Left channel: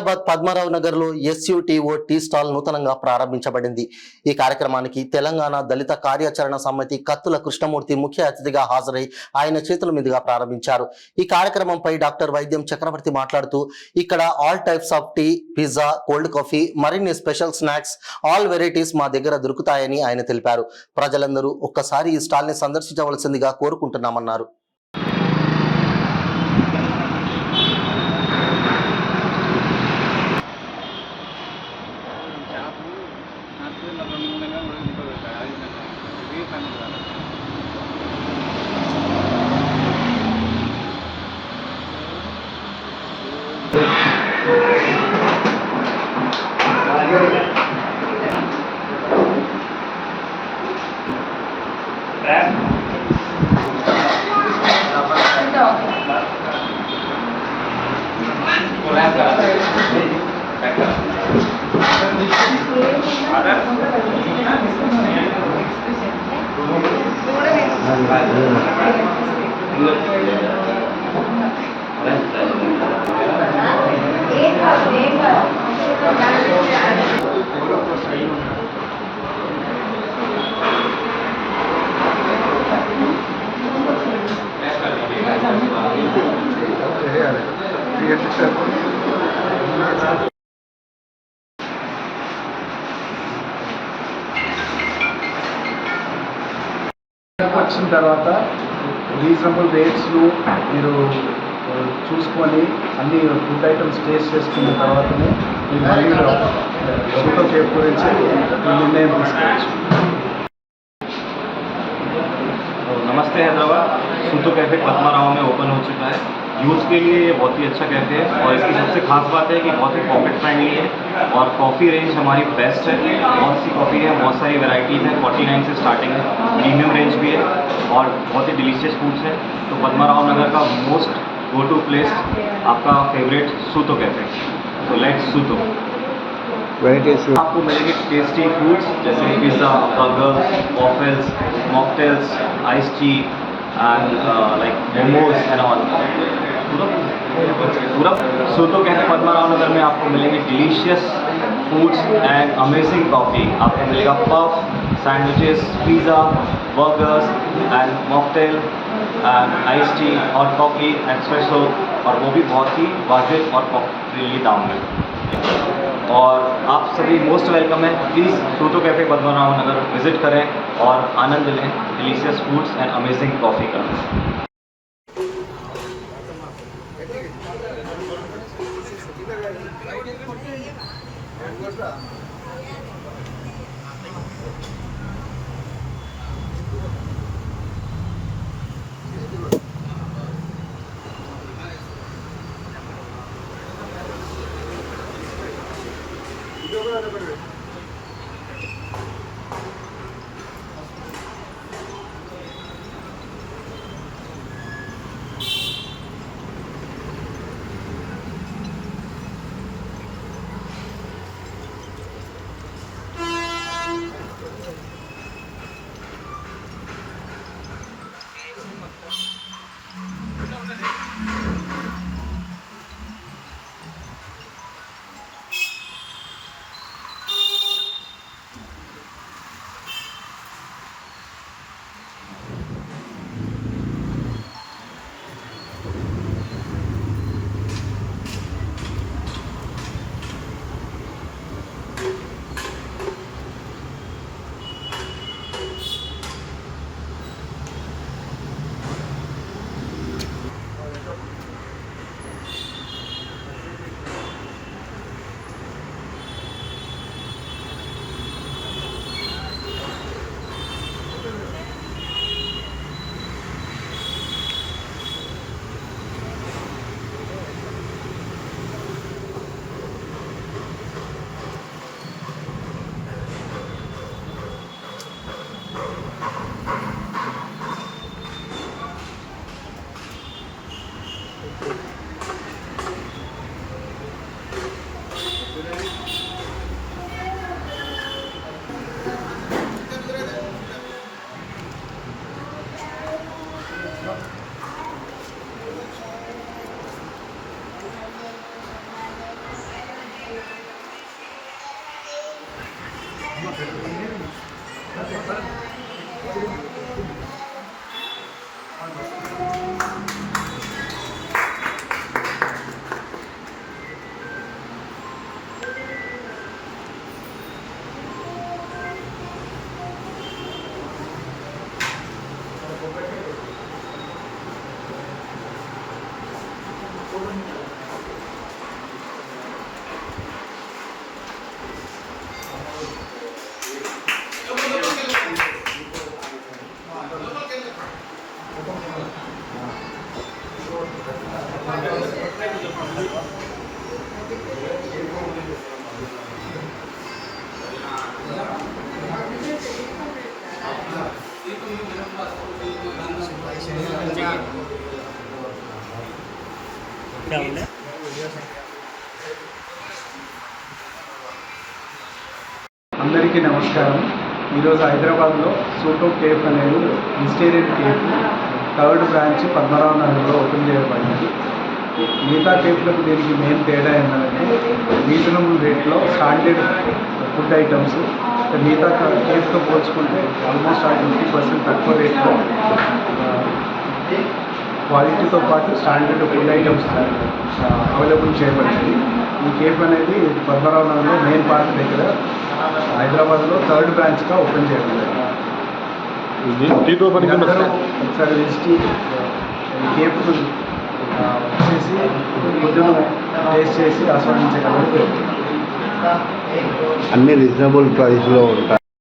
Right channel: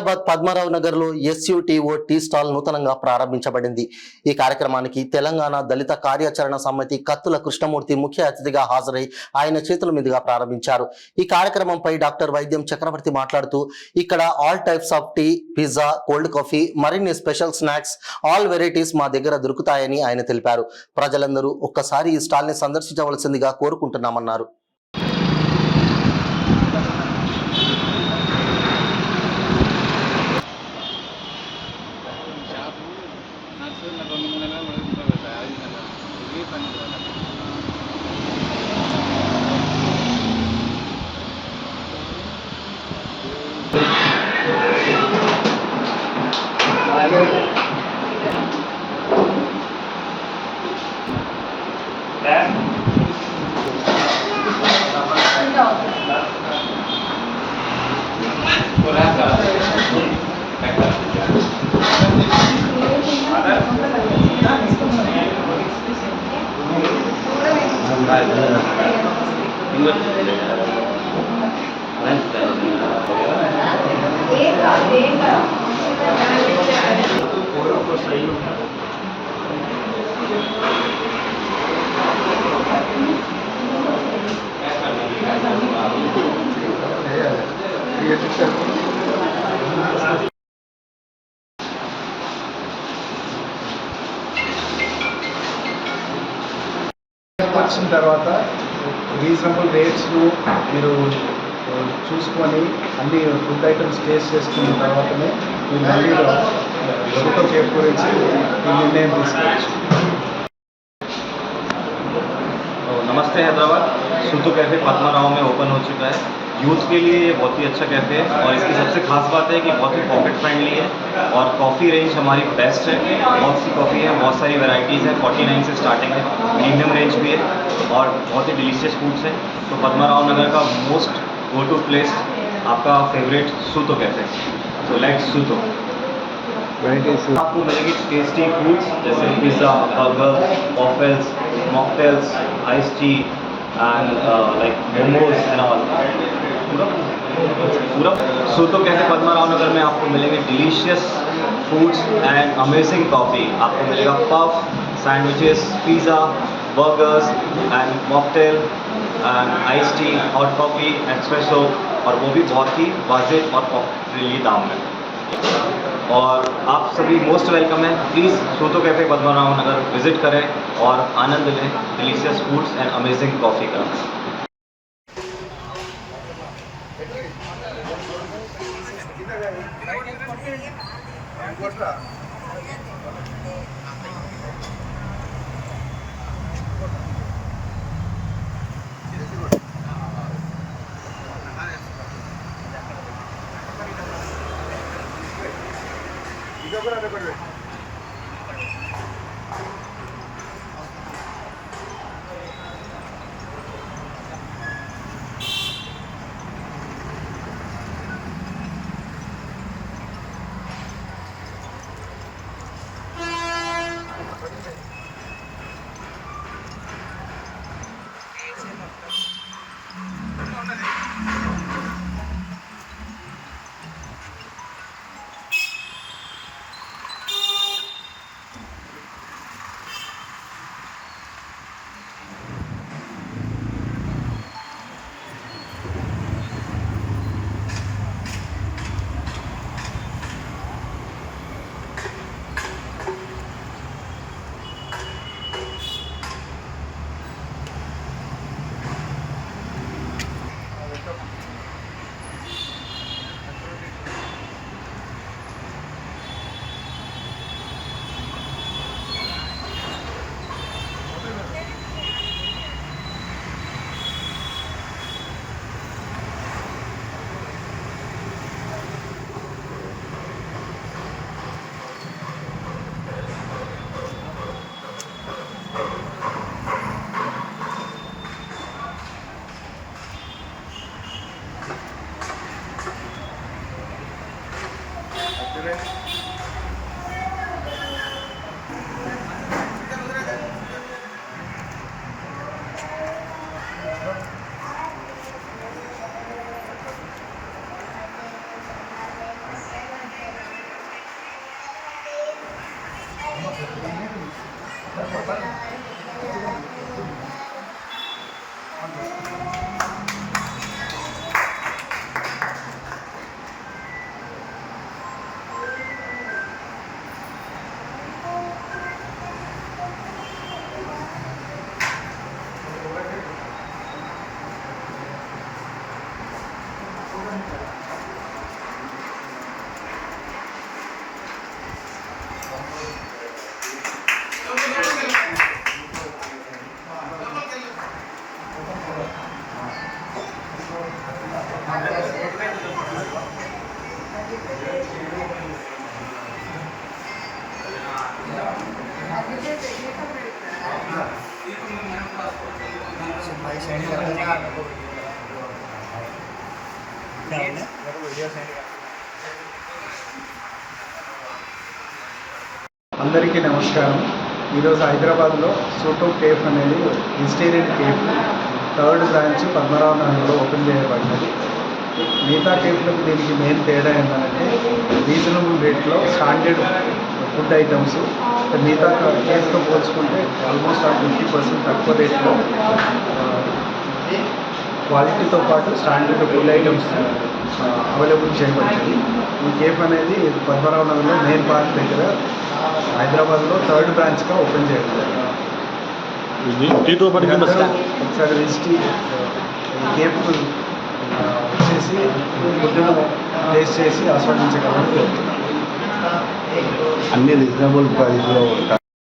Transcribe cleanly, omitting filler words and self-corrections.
హైదరాబాద్ పద్మారావు నగర్ లో SUTO tea stall నూతనంగా ప్రారంభించబడింది. ఈ కార్యక్రమానికి తెలంగాణ దళిత కార్యాచరణ సమితి కత్తుల కృష్ణమూర్తి ముఖ్య అతిథిగా హాజరై ఆయన చేతుల మీదుగా ప్రారంభించారు. ఈ కార్యక్రమంపై డాక్టర్ వైద్యం చక్రవర్తి మాట్లాడుతూ, ఇక్కడ all types of tea, pizza, cold coffee, మరిన్ని స్పెషల్ స్నాక్స్, ఆల్ వెరైటీస్ మా దగ్గర దొరుకుతాయని ఆయన తెలిపారు. ప్రజలందరూ ఒక్కసారి ఈ స్టాల్ ని సందర్శించవలసిందిగా కోరుకుంటున్నామన్నారు. వచ్చిన తర్వాత రీజనబుల్ రేట్స్లో మీరు చూసుకొని అన్ని ఫుడ్ ఐటమ్స్ టేస్ట్ చేసుకున్న తర్వాతనే మీరు మళ్ళీ సూటో కేఫ్ గురించి నిర్ణయం తీసుకోవచ్చు. नमस्ते हैदराबाद। सूतो कैफ़े पद्माराव में ओपन हो चुका है। यूथ के लिए ये बहुत ही अच्छा कैफ़े है और इसकी सबसे खास बात है कि बहुत ही पॉकेट फ्रेंडली है और कॉफ़ी रेंज हमारी बेस्ट है। बहुत सी कॉफ़ी है, बहुत सारी वैरायटीज़ हैं, 49 से स्टार्टिंग है, प्रीमियम रेंज भी है और बहुत ही डिलीशियस फूड्स हैं। तो पद्माराव नगर का मोस्ट गो टू प्लेस आपका favourite Suto cafe. So let's Suto. आपको मिलेंगे टेस्टी फूड्स जैसे pizza, burger, waffles, mocktails, ice tea and like momos and all. पूरा सूतो कैफे पद्माराव नगर में आपको मिलेंगे delicious foods and amazing coffee. आपको मिलेगा puff, sandwiches, pizza, burgers and mocktail and ice tea, hot coffee, espresso, और वो भी बहुत ही वाजिब और फ्रीली दाम में। और आप सभी मोस्ट वेलकम हैं। प्लीज़ सूतो कैफ़े पद्माराव नगर विज़िट करें और आनंद लें delicious foods and amazing coffee का। అందరికీ నమస్కారం. ఈరోజు హైదరాబాద్లో సూటో కేఫ్ అనేది vegetarian cafe third branch Padmanabha నగర్లో ఓపెన్ చేయబడినది. మిగతా కేఫ్లకు దీనికి మెయిన్ తేడా ఏంటంటే రీజనబుల్ రేట్లో స్టాండర్డ్ ఫుడ్ ఐటమ్స్ మిగతా కేఫ్తో పోల్చుకుంటే ఆల్మోస్ట్ 50% తక్కువ రేట్లో క్వాలిటీతో పాటు స్టాండర్డ్ ఫుడ్ ఐటమ్స్ అవైలబుల్ చేయబడింది. ఈ కేఫ్ అనేది పద్మనాభ నగర్లో మెయిన్ పార్క్ దగ్గర హైదరాబాద్లో థర్డ్ బ్రాంచ్గా ఓపెన్ చేయడం జరిగింది. ఒకసారి విజిట్ కేఫ్ వచ్చేసి ఫుడ్ను టేస్ట్ చేసి ఆస్వాదించగలని కోరుతున్నాను. అన్ని రీజనబుల్ ప్రైస్లో